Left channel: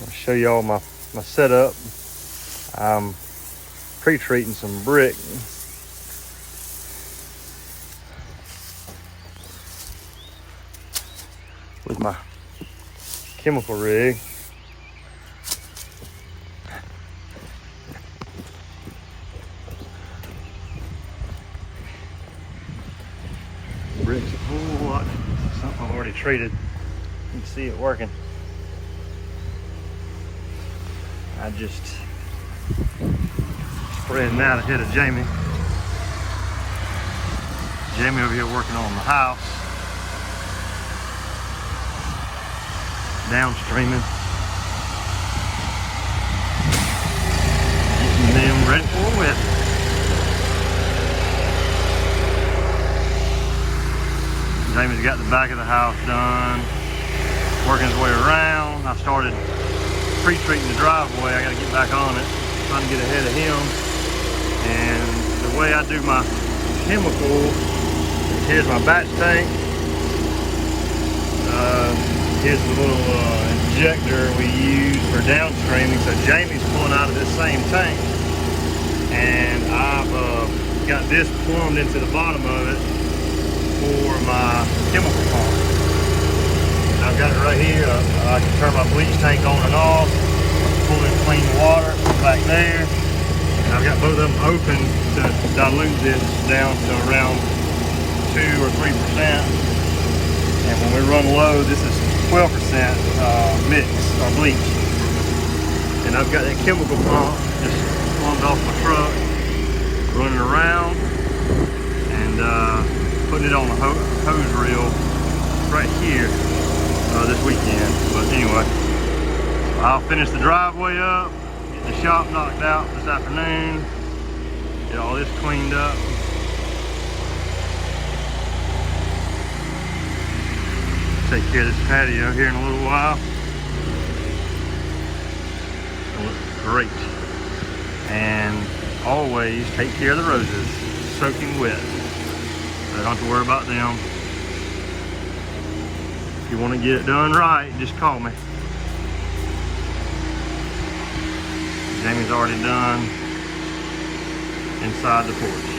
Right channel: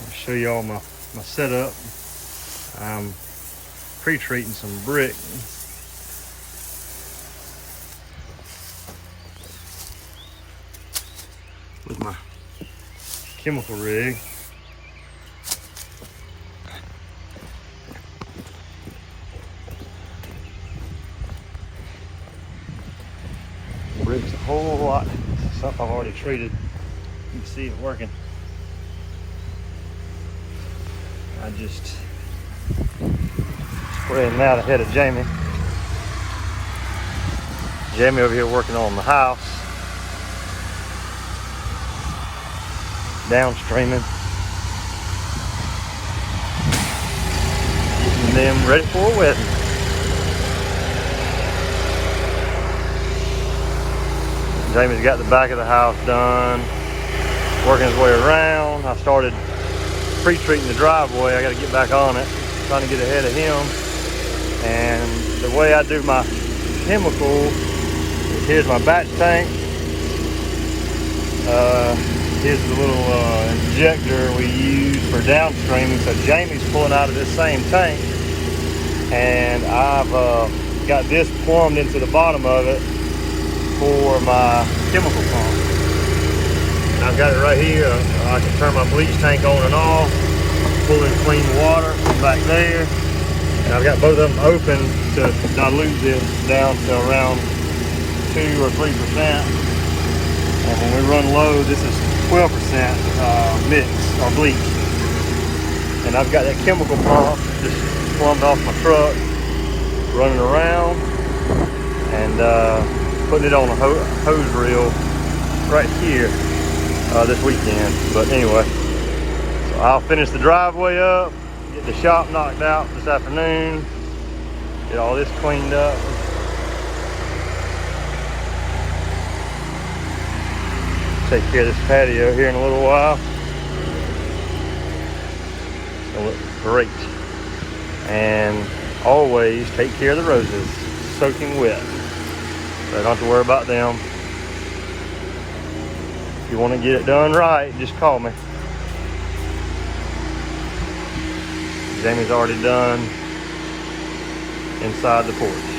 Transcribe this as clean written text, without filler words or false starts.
I'll show you all my setup. I'm pre-treating some brick. With my chemical rig. Brick's a whole lot. This is something I've already treated. You can see it working. I just spreading that ahead of Jamie. Jamie over here working on the house. Downstreaming. And then ready for a wedding. Jamie's got the back of the house done, working his way around. I started pre-treating the driveway. I gotta get back on it, trying to get ahead of him. And the way I do my chemical, here's my batch tank. Here's the little injector we use for downstreaming. So Jamie's pulling out of this same tank, and I've got this plumbed into the bottom of it for my chemical pump. And I've got it right here. I can turn my bleach tank on and off, pull in clean water from back there, and I've got both of them open to dilute this down to around 2 or 3%. And when we run low, this is 12% mix on bleach. And I've got that chemical pump just plumbed off my truck, running around, and putting it on a hose reel right here this weekend. But anyway, so I'll finish the driveway up, get the shop knocked out this afternoon, get all this cleaned up. Take care of this patio here in a little while. It'll look great. And always take care of the roses, soaking wet. So don't have to worry about them. If you want to get it done right, just call me. Jamie's already done inside the porch.